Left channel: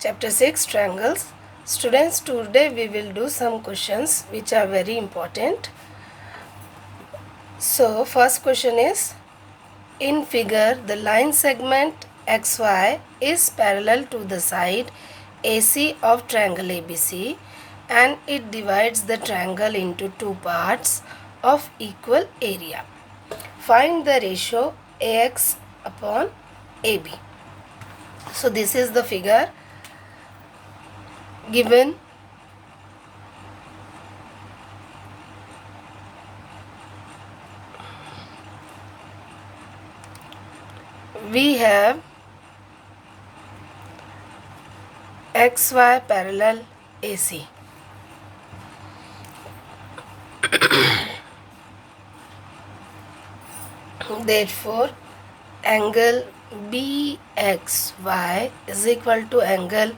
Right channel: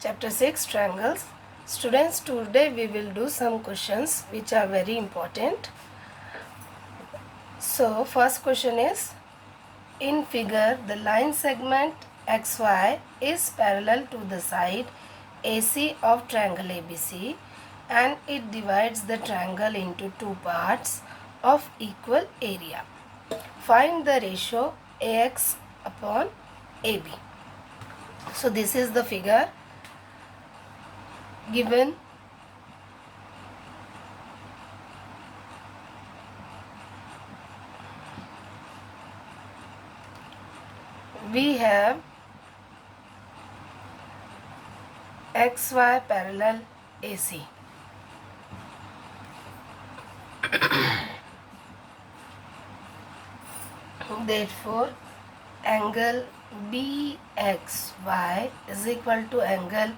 Chapter 6 Triangles. Students, today we will do some questions which are very important. So, first question is, in figure, the line segment XY is parallel to the side AC of triangle ABC and it divides the triangle into two parts of equal area. Find the ratio AX upon AB. So, this is the figure given. We have XY parallel AC. Therefore, angle BXY is equal to angle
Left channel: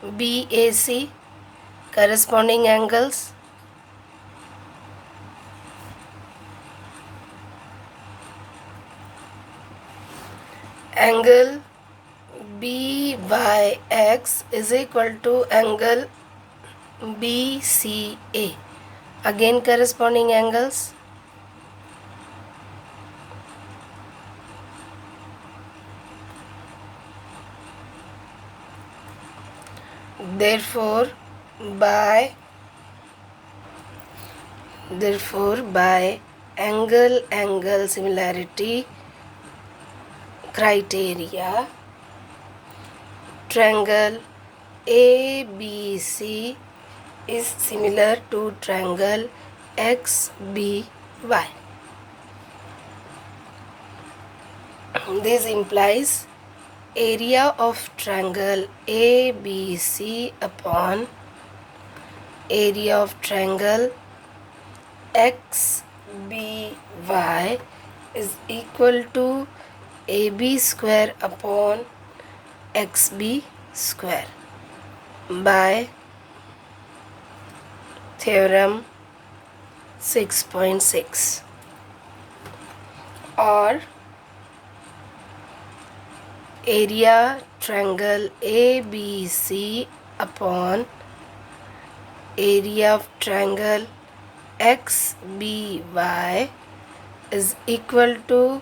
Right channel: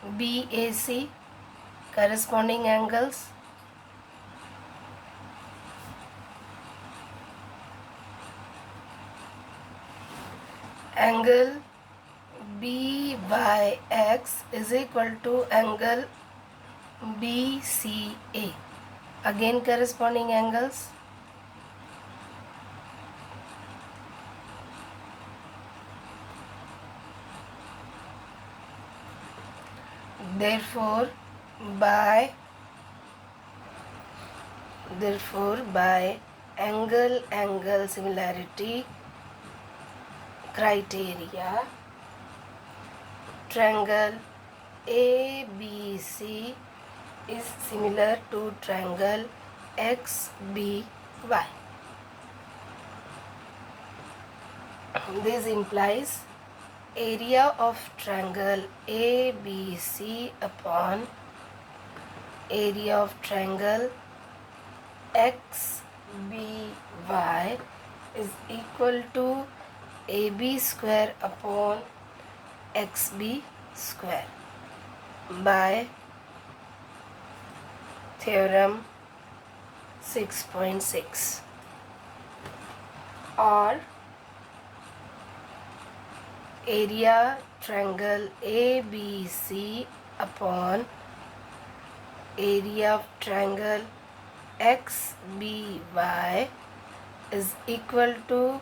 BAC. Corresponding angles, angle BYX is equal to angle BCA. Again corresponding angles. Therefore, by angle similarity criteria, triangle ABC is similar to triangle XBY. This implies area of triangle ABC upon area of triangle XBY is equal to AB square upon XB square by theorem 6.6, or area triangle ABC upon area of triangle XBY is equal to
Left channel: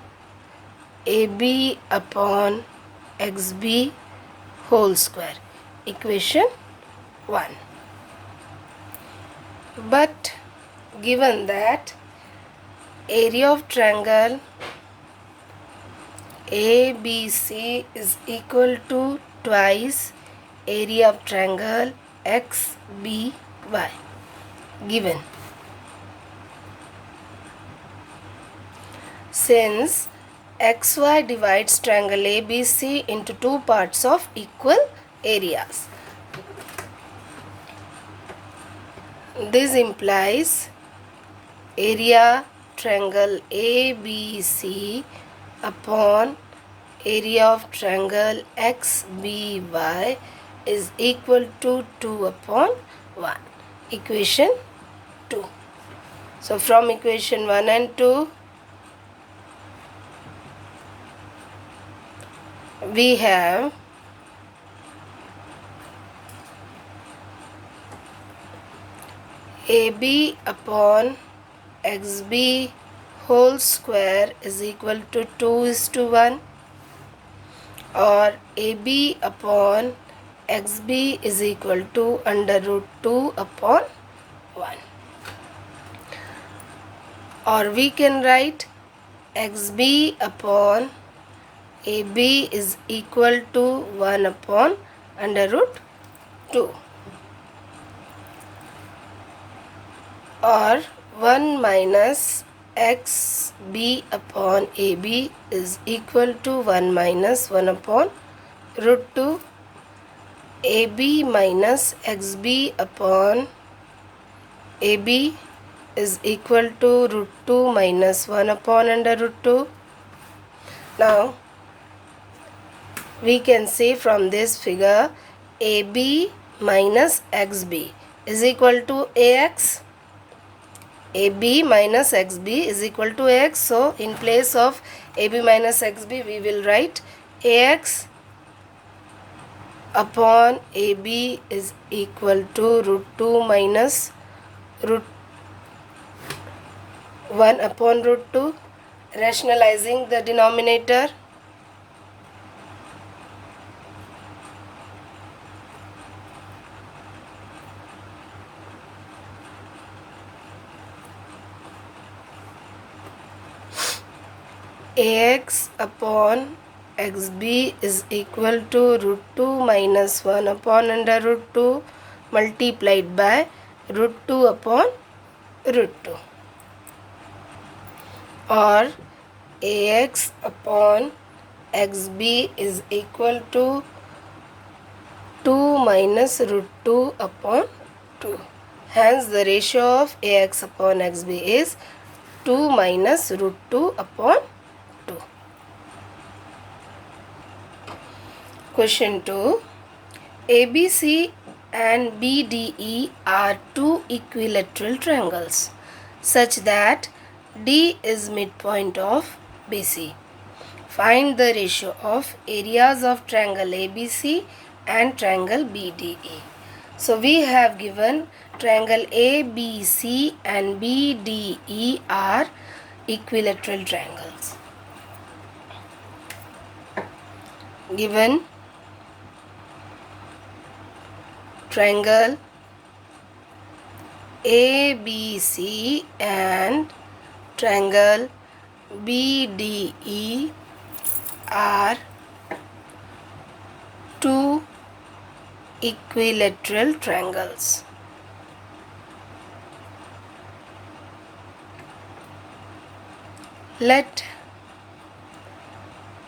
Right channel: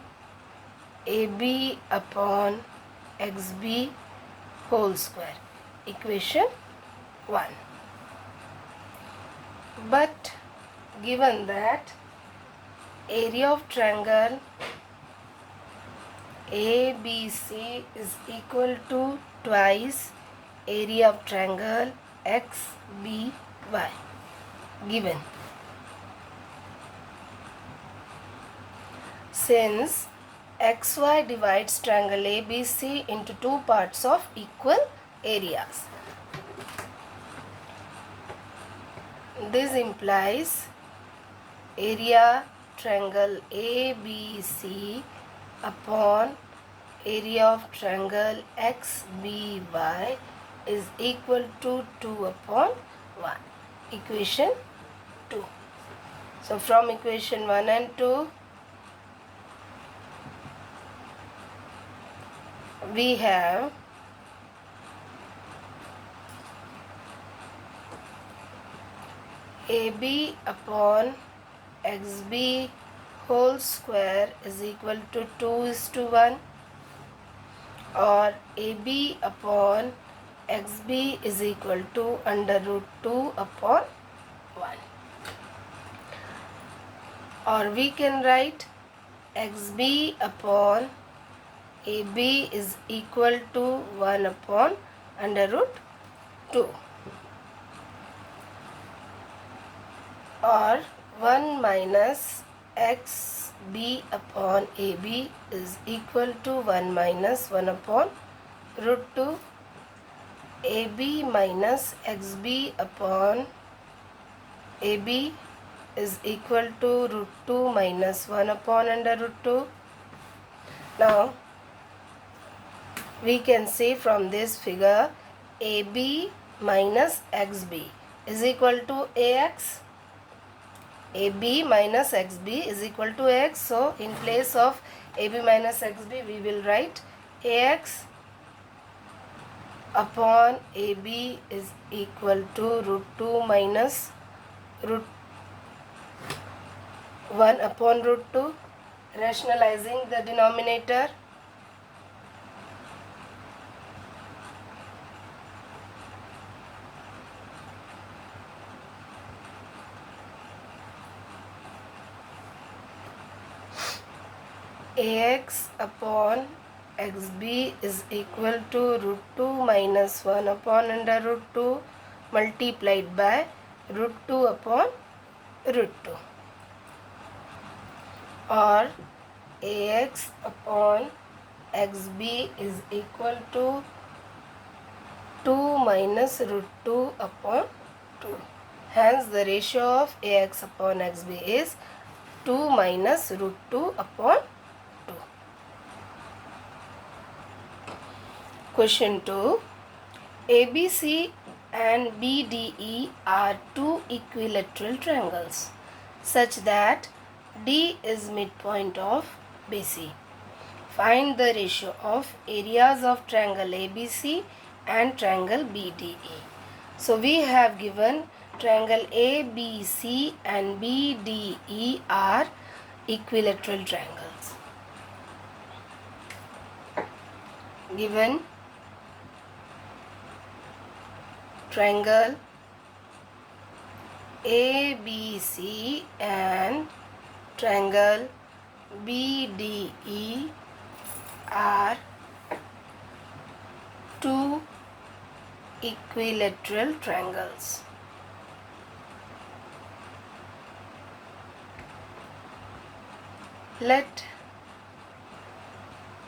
AB upon XB whole square. Equation 1. But given that area of triangle ABC is equal to twice area of triangle XBY, given, since XY divides triangle ABC into two parts of equal areas, this implies area triangle ABC upon area of triangle XBY is equal to 2 upon 1. Equation 2. So from equation 1 and 2, we have AB upon XB whole square is equal to 2:1, or AB upon XB is equal to under root 2 upon 1. Or we can write XB upon AB is equal to 1 upon under root 2, or 1 minus XB upon AB is equal to 1 minus 1 upon root 2. AB minus XB upon AB is equal to root 2 minus 1 upon under root 2. Now, we can see from this figure AB minus XB is equal to AX. AB minus XB is equal to AX. So, in place of AB minus XB, we will write AX upon AB is equal to root 2 minus root 1 upon root 2. Rationalizing the denominator, AX upon XB is equal to root 2 minus 1 upon under root 2 multiplied by root 2 upon root 2, or AX upon XB is equal to 2 minus root 2 upon 2. Hence the ratio of AX upon XB is 2 minus root 2 upon 2. Question 2. ABC and BDE are two equilateral triangles such that D is midpoint of BC. Find the ratio of areas of triangle ABC and triangle BDE. So we have given triangle ABC and BDE are equilateral triangles. Given triangle ABC and triangle BDE are two equilateral triangles. Let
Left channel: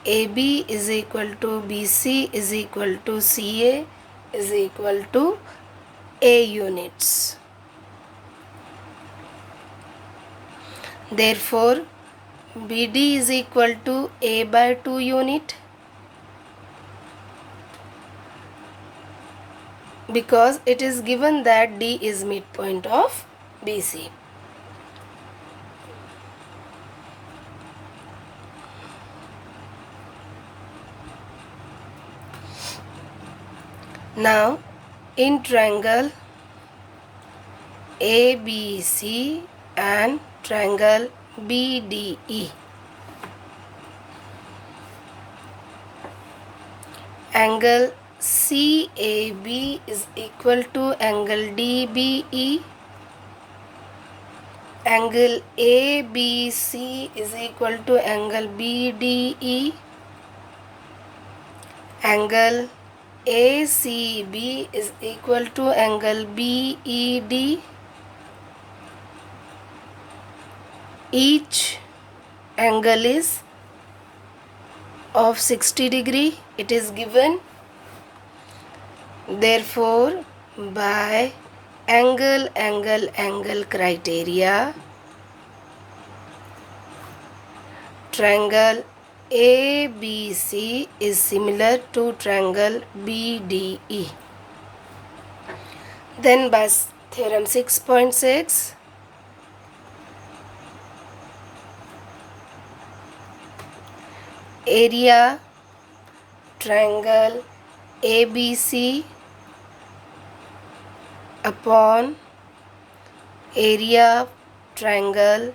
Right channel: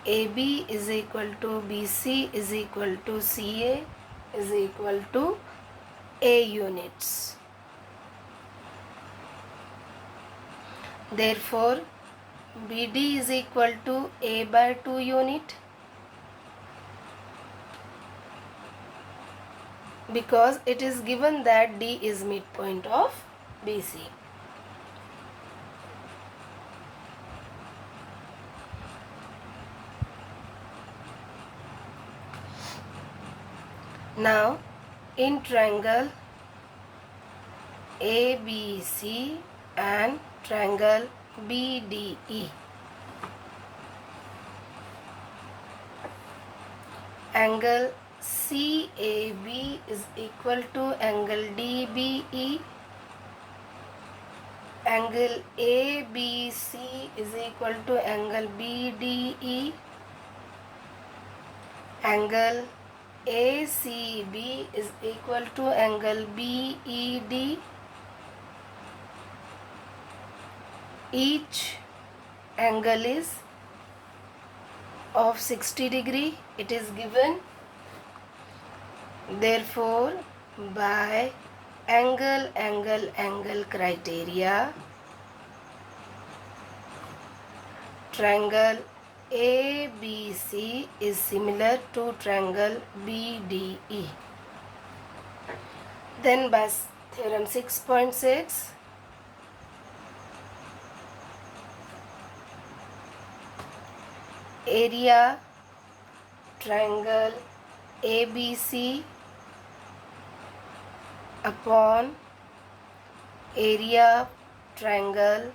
AB is equal to BC is equal to CA is equal to A units. Therefore, BD is equal to A by 2 unit, because it is given that D is midpoint of BC. Now, in triangle ABC and triangle BDE, angle CAB is equal to angle DBE, angle ABC is equal to angle BDE, angle ACB is equal to angle BED. Each angle is of 60 degree. It is given. Therefore, by angle criteria, triangle ABC is similar to triangle BDE. Then by theorem 6.6, area triangle ABC upon area triangle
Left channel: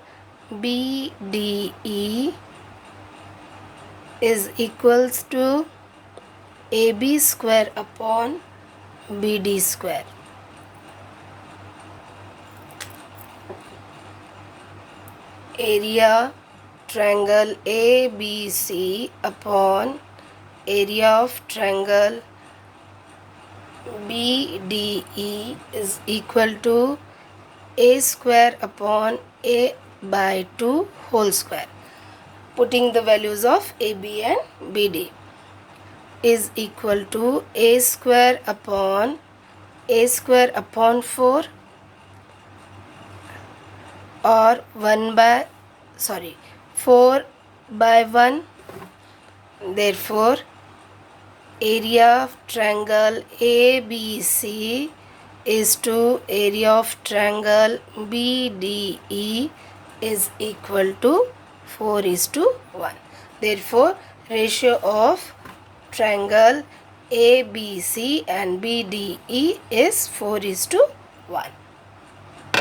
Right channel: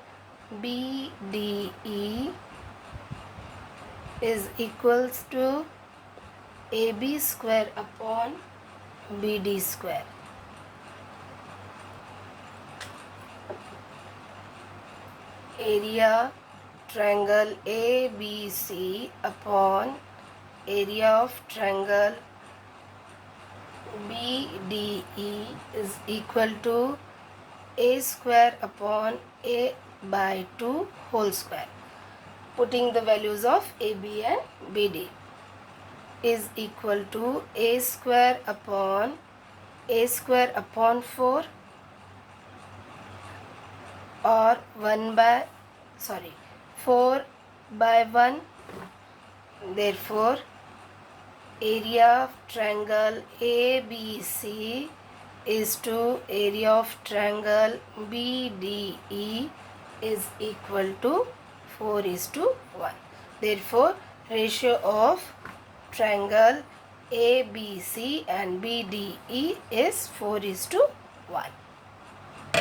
BDE is equals to AB square upon BD square. Area triangle ABC upon area of triangle BDE is equal to A square upon A by 2 whole square. Putting the values of AB and BD is equal to A square upon 4, or 4 by 1. Therefore, area of triangle ABC is to area of triangle BDE is equal to 4:1. Therefore, ratio of triangle ABC and BDE is 4:1.